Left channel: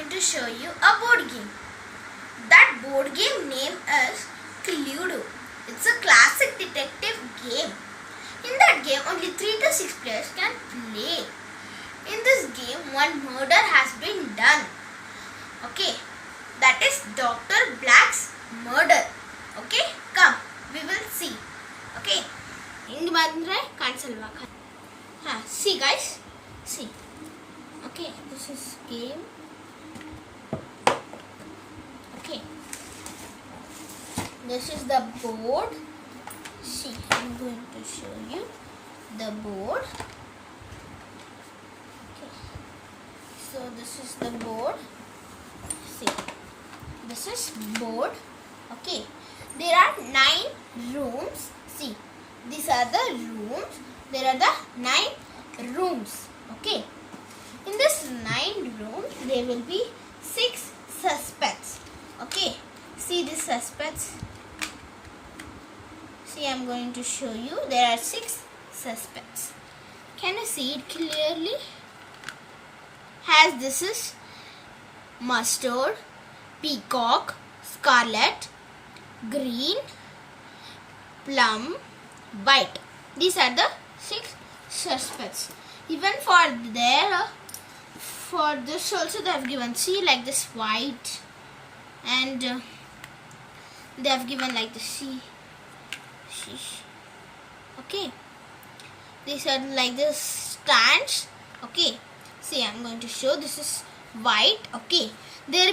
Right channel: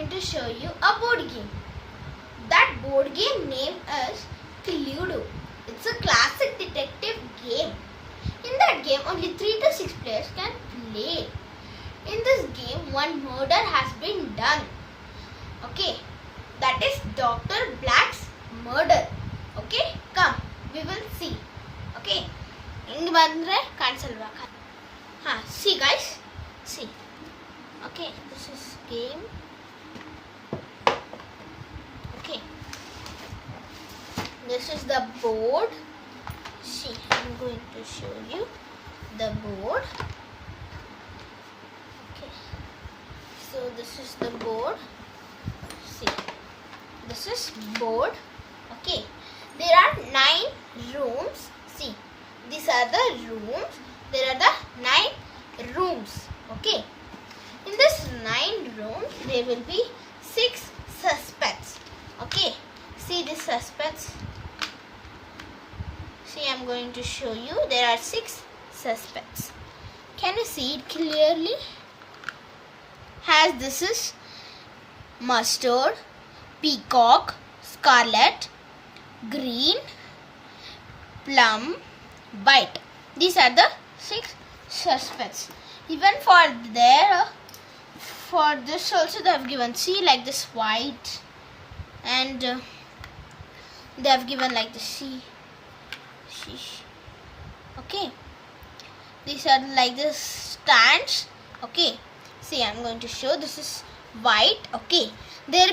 going to show you a board game. That board game name is Cluedo. It's a classic detective game. In that game, only 3 to 6 players can play. In this game, one murder has been done. Okay, that is Dr. Black's murder. Okay, come, we will see. Okay, see guys, see. Okay, this is game. Okay, this is the board. See, I'm going to show you the board. Okay, so this is the board. See, this is board. Okay, there are 9 rooms. See, these are the rooms. There are the 9 rooms. Okay, in this 9 rooms there will be 6 suspects. Okay, see these suspects. See, I'm going to show you. There are 6 suspects. Can you see it clearly? As this is mustard, peacock, scarlet, green, plum, white. These are the 6 suspects. Even for this also they have given, see, like this white, and they have given like this, see. Okay, these are like this stands. Okay, see, I'm going to show. This is white. Okay, they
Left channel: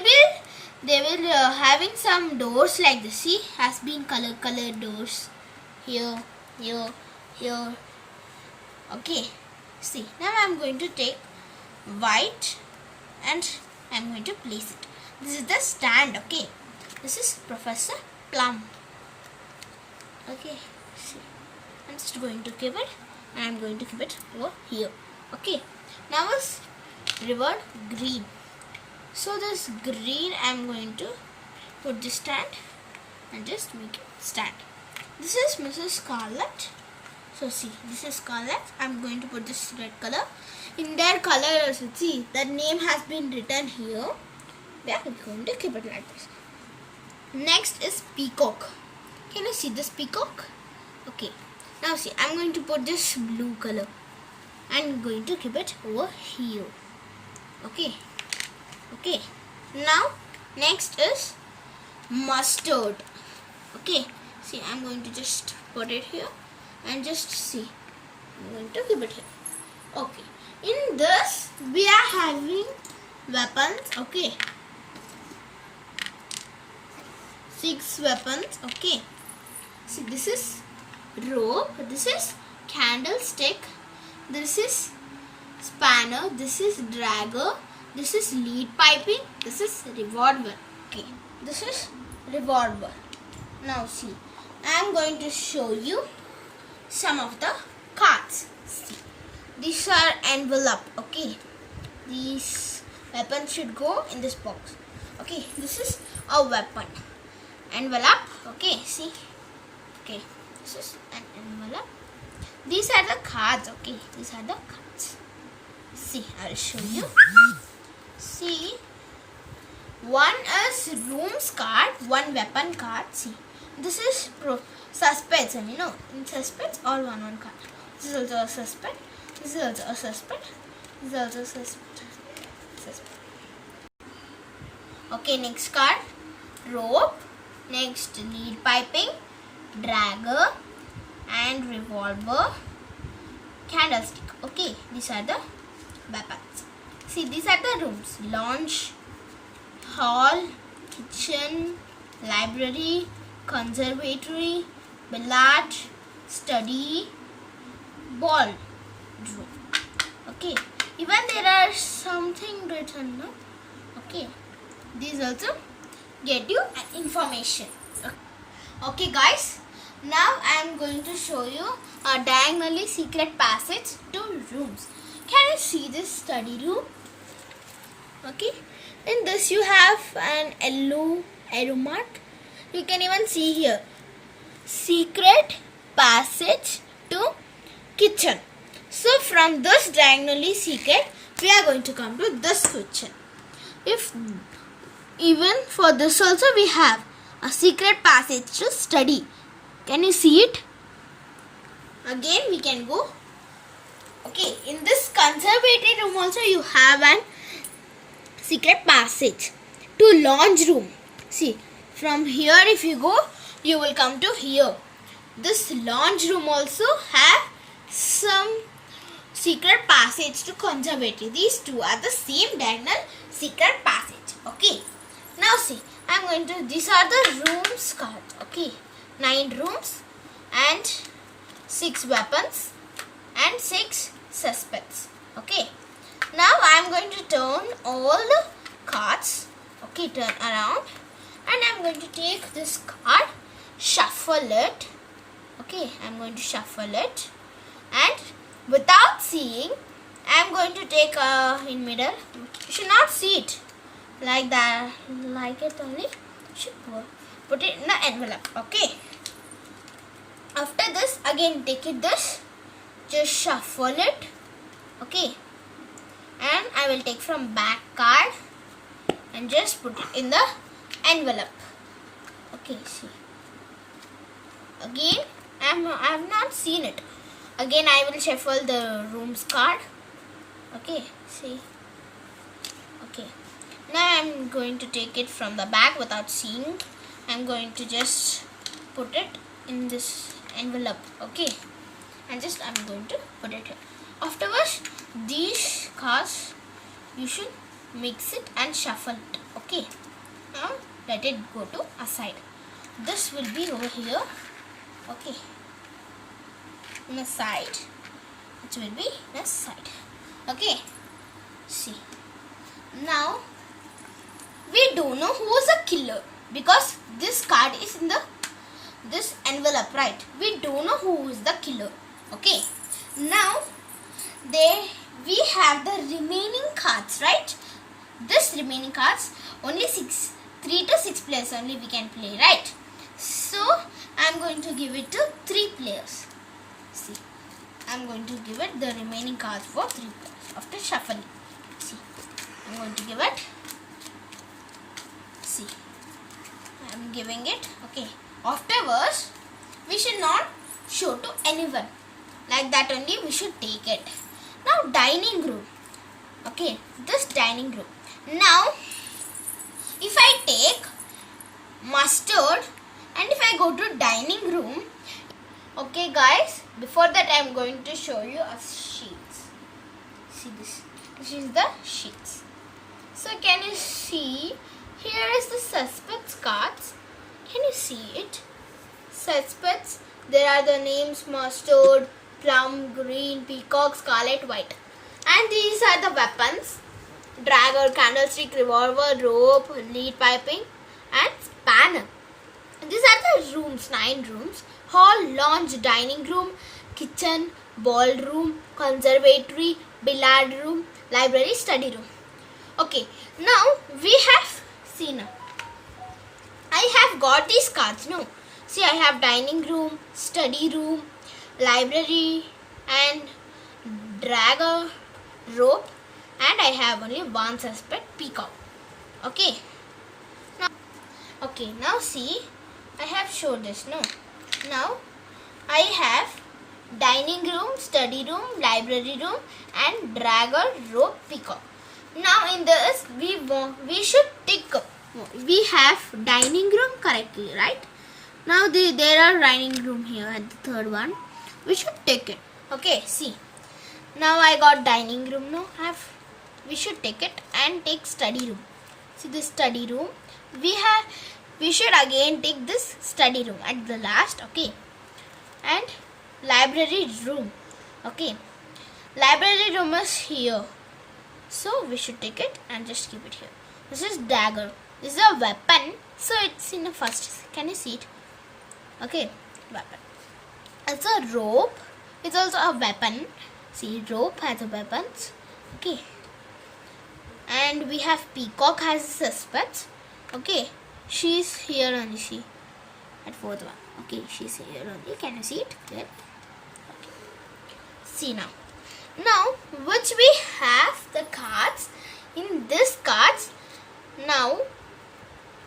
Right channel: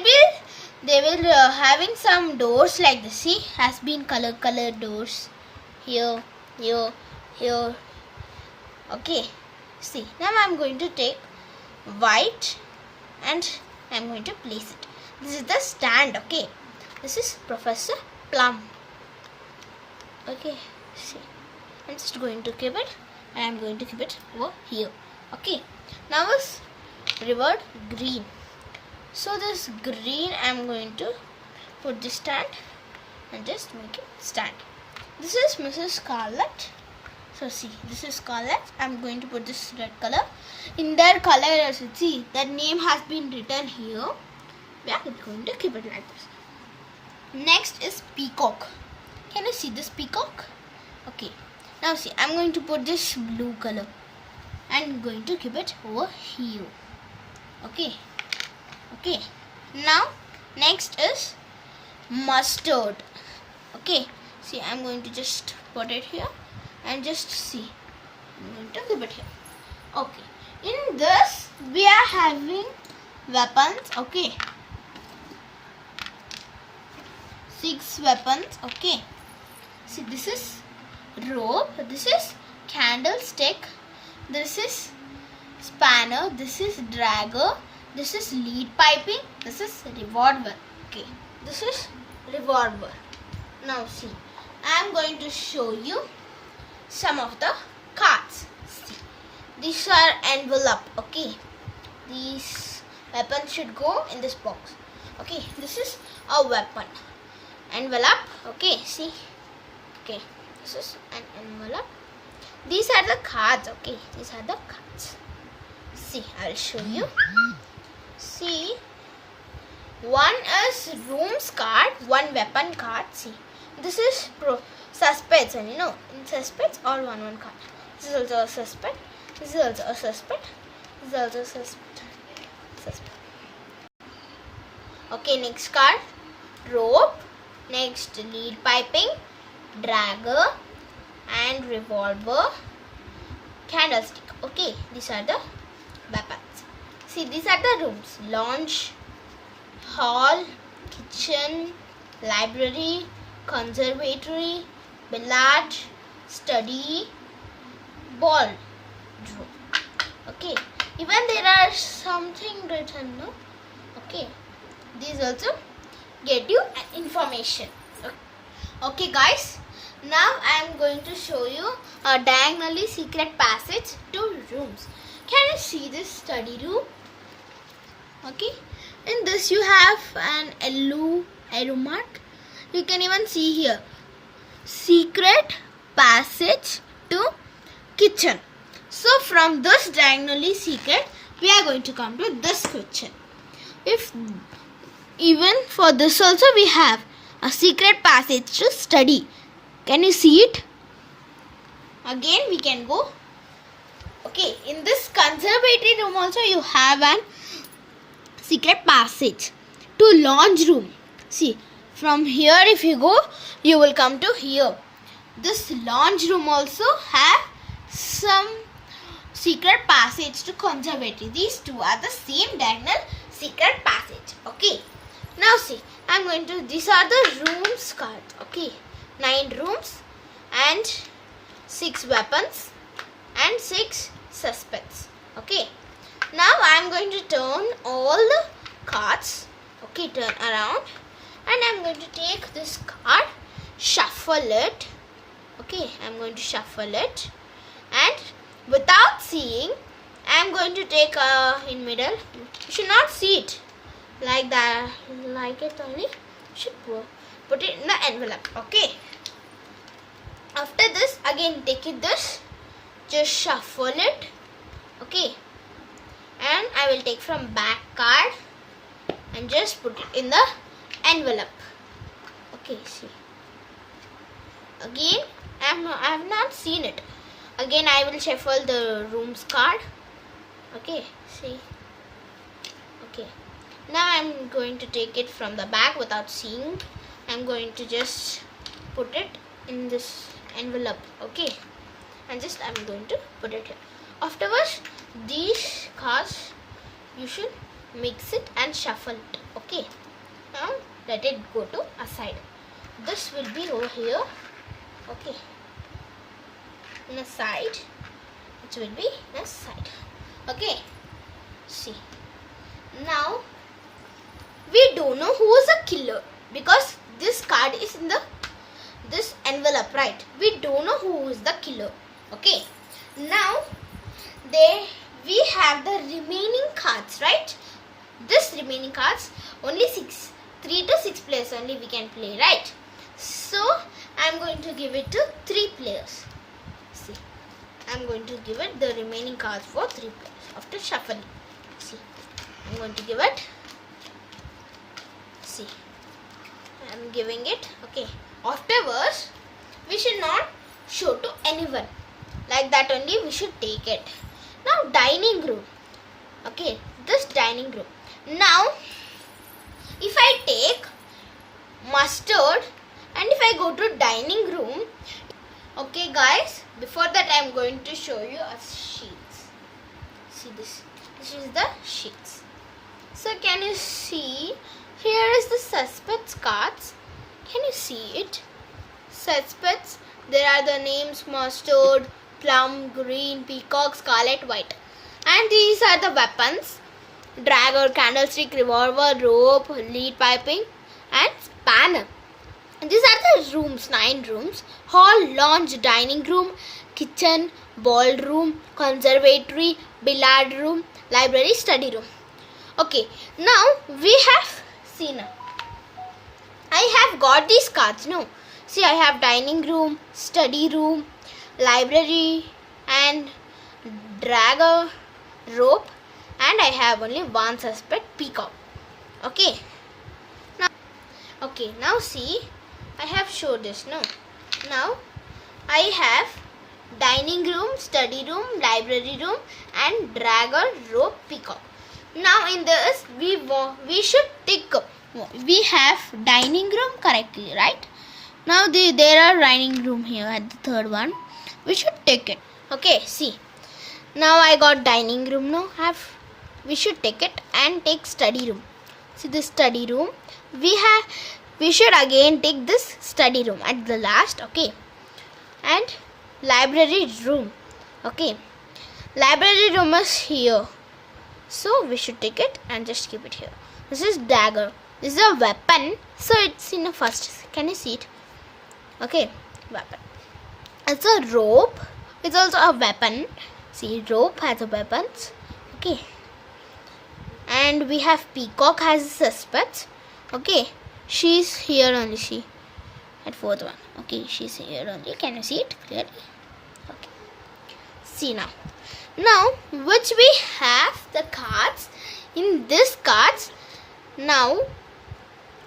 will having some doors like this. See, has been colored doors here. Okay, see, now I'm going to take white and I'm going to place it. This is the stand. Okay, this is Professor Plum. Okay, see, I'm just going to keep it, and I'm going to keep it over here. Okay, now is reward green. So this green, I'm going to put this stand and just make it stand. This is Mrs. Scarlet. So see, this is Scarlet. I'm going to put this red color. In their color, see, the name has been written here. We are going to keep it like this. Next is peacock. Can you see this peacock? Okay. Now see, I'm going to put this blue color. I'm going to keep it over here. Okay. Okay. Now, next is mustard. Okay. See, I'm going to just put it here and just see. I'm going to keep it here. Okay. In this, we are having weapons. Okay. 6 weapons. Okay. See, this is rope, this is candlestick, this is spanner, this is dragger, this is lead piping, this is revolver. Okay, this is revolver. Now see, I am going to show you some of the cards. See, these are envelope. Okay, these weapons should go in this box. Okay, this is a weapon. Envelope. Okay, see. Okay, this is an envelope. These are the cards. Okay, these are the cards. See, I'll show you. See, one is rooms card, one weapon card. See, this is suspects, and you know, in suspects, all one card. This is also a suspect. This is also a suspect. This is also a suspect. Okay, next card, rope. Next, lead piping, dragger, and revolver, candlestick. Okay, these are the weapons. See, these are the rooms: lounge, hall, kitchen, library, conservatory, billiard, study, ball room. Okay, even there are something written, no? Okay, these also get you information. Okay guys, now I am going to show you a diagonally secret passage to rooms. Can you see this study room? Okay, in this you have an yellow arrow mark. You can even see here, secret passage to kitchen. So from this diagonally secret, we are going to come to this kitchen. if even for this also we have a secret passage to study. Can you see it? Again we can go. Okay, in this conservatory room also you have an secret passage to lounge room. See, from here if you go, you will come to here. This lounge room also have some secret passage to conservatory. These two are the same diagonal secret passage. Okay. Now see, these are the rooms card. Okay. 9 rooms and 6 weapons and 6 suspects. Okay. Now I am going to turn all the cards. Okay, turn around. And I am going to take this card, shuffle it. Okay, I am going to shuffle it. And without seeing, I am going to take in middle. You should not see it like that, like it only. You should put it in the envelope. Okay. After this, again take it this. Just shuffle it. Okay. And I will take from back card and just put it in the envelope. Okay. See. Again, I have not seen it. Again, I will shuffle the rooms card. Okay, see. Okay. Now I am going to take it from the back without seeing. I am going to just put it in this envelope. Okay. And just I am going to put it here. Afterwards, these cards you should mix it and shuffle it. Okay. Now let it go to a side. This will be over here. Okay. In a side, it will be in a side. Okay, see. Now we don't know who is the killer because this card is in this envelope, right? We don't know who is the killer. Okay. Now we have the remaining cards, right? This remaining cards only 3 to 6 players only we can play, right? So I am going to give it to 3 players. See, I am going to give it the remaining cards for 3 players after shuffling. See, I am going to give it. See, I am giving it. Okay. Afterwards, we should not show to anyone. Like that only we should take it. Now dining room. Okay, this dining room. Now, if I take mustard and if I go to dining room. Okay guys, before that I am going to show you a sheets. See this. This is the sheets. So can you see? Here is the suspects cards. Can you see it? Suspects. There are the names mustard, plum, green, peacock, scarlet, white. And these are the weapons. Dagger, candlestick, revolver, rope, lead piping and spanner. These are the rooms, 9 rooms. Hall, lounge, dining room, kitchen, ballroom, conservatory, billiard room, library, study room. Okay, now we have seen. I have got these cards, no? See, I have dining room, study room, library and dagger, rope and I have only one suspect, peacock. Okay. Now see. I have showed this, no? Now, I have dining room, study room, library room and dagger, rope, peacock. Now, in this, we should tick. We have dining room correctly, right? Now, there are dining room here at the third one. We should take it. Okay, see. Now, I got dining room now. We should take it and take study room. See the study room. We should again take this study room at the last. Okay. And library room. Okay. Library room is here. So we should take it and just keep it here. This is dagger. This is a weapon. So it's in the first. Can you see it? Okay. Weapon. It's a rope. It's also a weapon. See, rope has a weapons. Okay. And we have peacock has a suspect. Okay. She's here only, she at fourth one. Okay, she's here only. Can you see it clearly? Okay. See now. Now, which we have the cards. In this cards, Now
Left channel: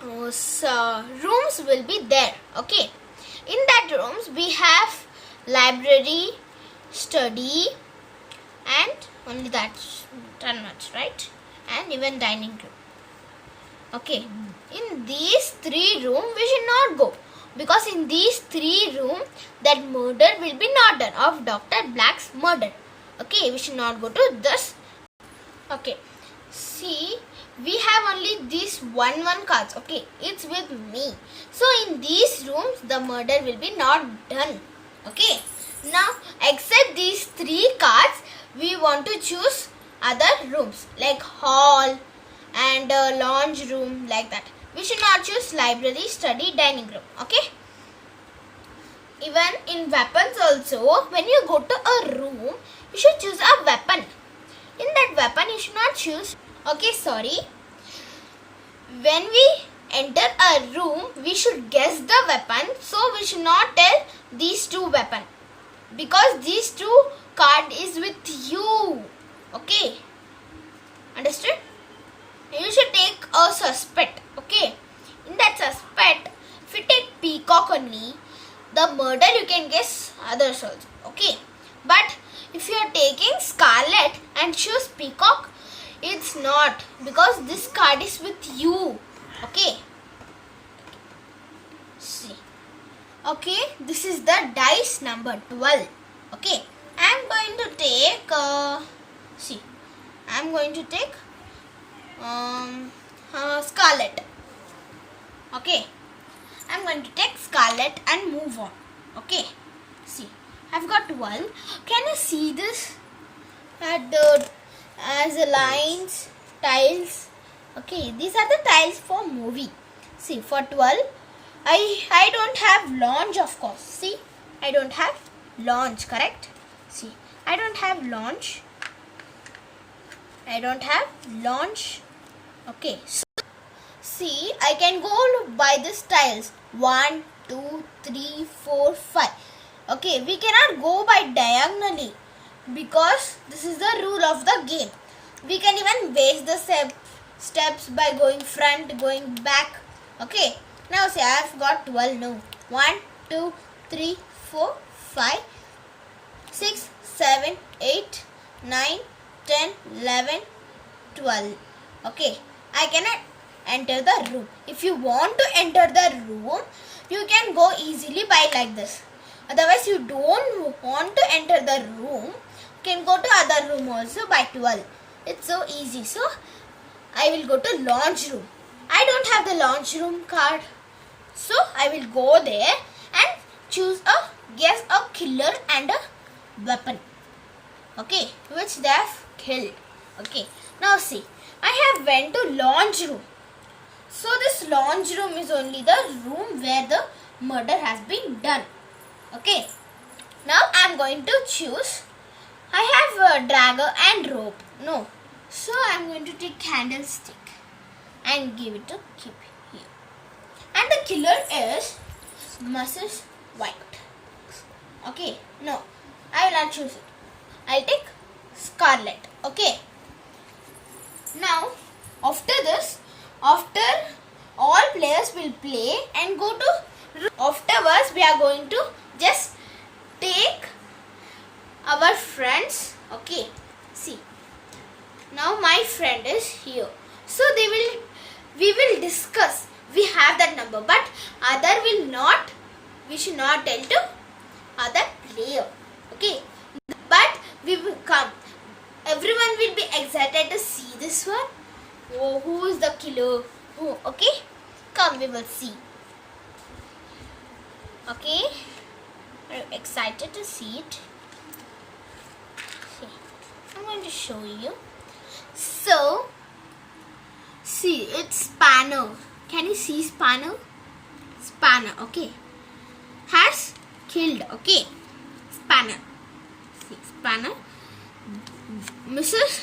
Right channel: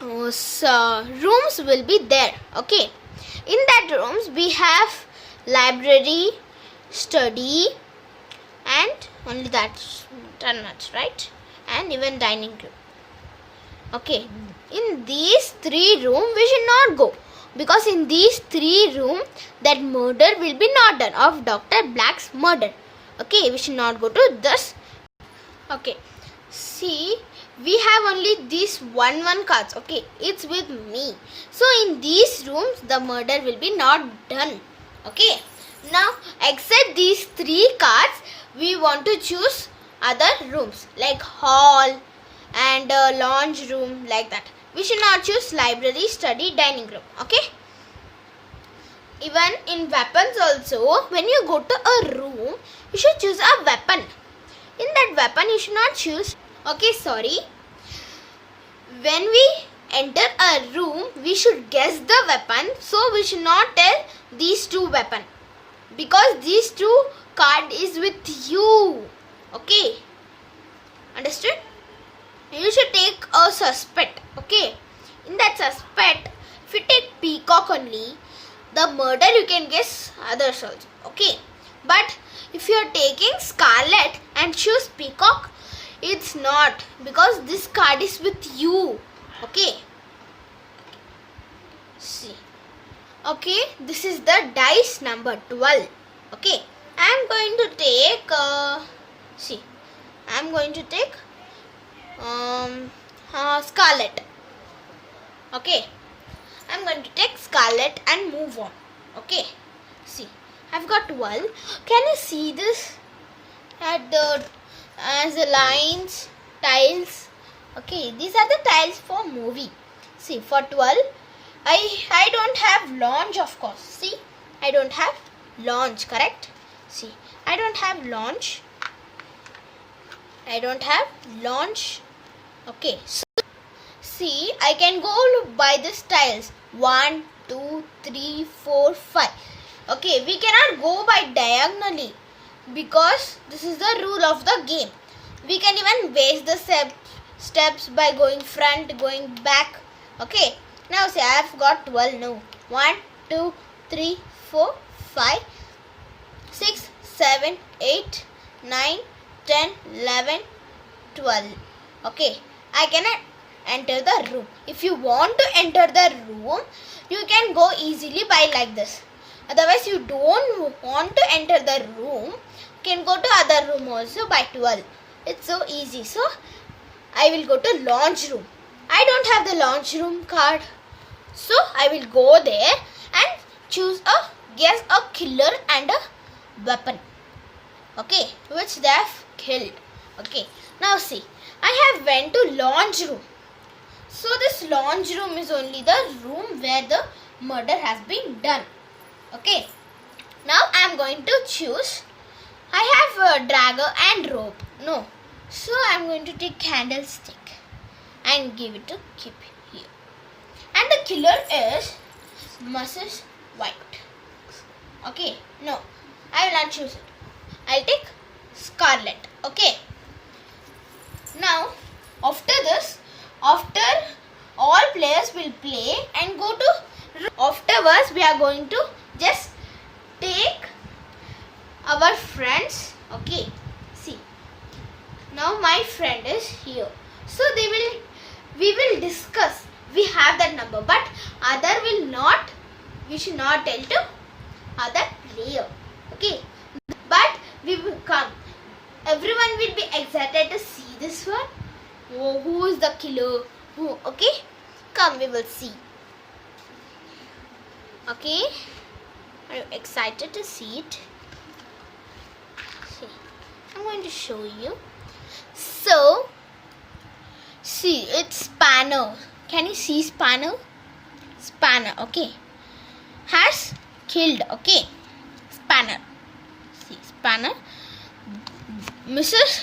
rooms will be there. Okay, in that rooms we have library, study, and only that much, right? And even dining room. Okay, in these 3 rooms we should not go, because in these 3 rooms that murder will be not done, of Dr. Black's murder. Okay, we should not go to this. Okay, see, we have only these one cards. Okay, it's with me. So in these rooms the murder will be not done. Okay, now except these 3 cards, we want to choose other rooms like hall and lounge room, like that. We should not choose library, study, dining room. Okay, even in weapons also, when you go to a room, you should choose a weapon. In that weapon you should not choose, okay, sorry, when we enter a room we should guess the weapon, so we should not tell these 2 weapons, because these 2 card is with you. Okay, understood? You should take a suspect. Okay, in that suspect, if you take peacock only, the murder you can guess others also. Okay, but if you are taking scarlet and choose peacock, it's not, because this card is with you. Okay, see, okay, this is the dice number 12. Okay, I am going to take scarlet. Okay, I'm going to take scarlet and move on. Okay, see, I've got 12. Can you see this at the as the lines, tiles? Okay, these are the tiles for movie. See, for 12, I don't have launch, of course. See, I don't have launch, correct? See, I don't have launch. Okay, so see, I can go by these tiles. 1, 2, 3, 4, 5. Okay, we cannot go by diagonally, because this is the rule of the game. We can even base the steps by going front, going back. Okay, now say I have got 12 now. 1, 2, 3, 4, 5, 6, 7, 8, 9, 10, 11, 12. Okay, I cannot enter the room. If you want to enter the room, you can go easily by like this. Otherwise, you don't want to enter the room, you can go to other room also by 12. It's so easy. So, I will go to launch room. I don't have the launch room card. So, I will go there and guess a killer and a weapon. Okay, which they have killed. Okay, now see, I have went to launch room. So this launch room is only the room where the murder has been done. Okay, now I am going to choose. I have a dagger and rope. No, so I am going to take candlestick and give it to keep here. And the killer is Mrs. White. Okay, no, I will not choose it. I'll take scarlet. Okay. Now, after this, after all players will play and go to, afterwards we are going to just take our friends. Okay, see, now my friend is here, so we will discuss. We have that number, but other will not, we should not tell to other player. Okay, but we will come. Everyone will be excited to see this one. Oh, who is the killer? Who? Okay, come, we will see. Okay, are you excited to see it? See, I'm going to show you. So, see, it's Spanner. Can you see Spanner? Spanner, okay, has killed. Okay, Spanner. See, Spanner. Mrs.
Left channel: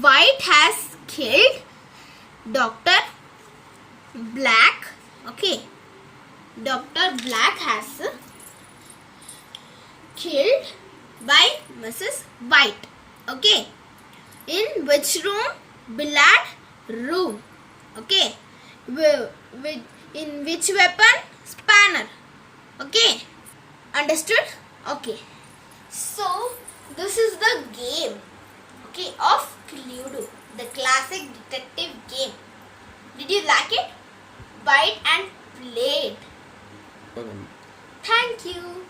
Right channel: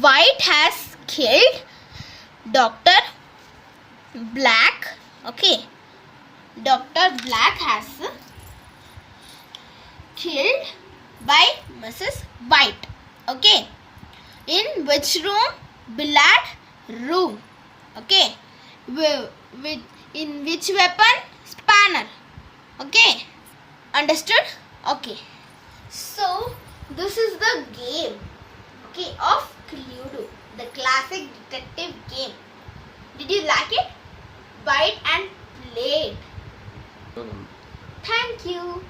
White has killed Dr. Black. Okay, Dr. Black has killed by Mrs. White. Okay, in which room? Billiard room. Okay. In which weapon? Spanner. Okay. Understood? Okay. So this is the game, okay, of Cluedo, the classic detective game. Did you like it? Buy it and play it. Thank you.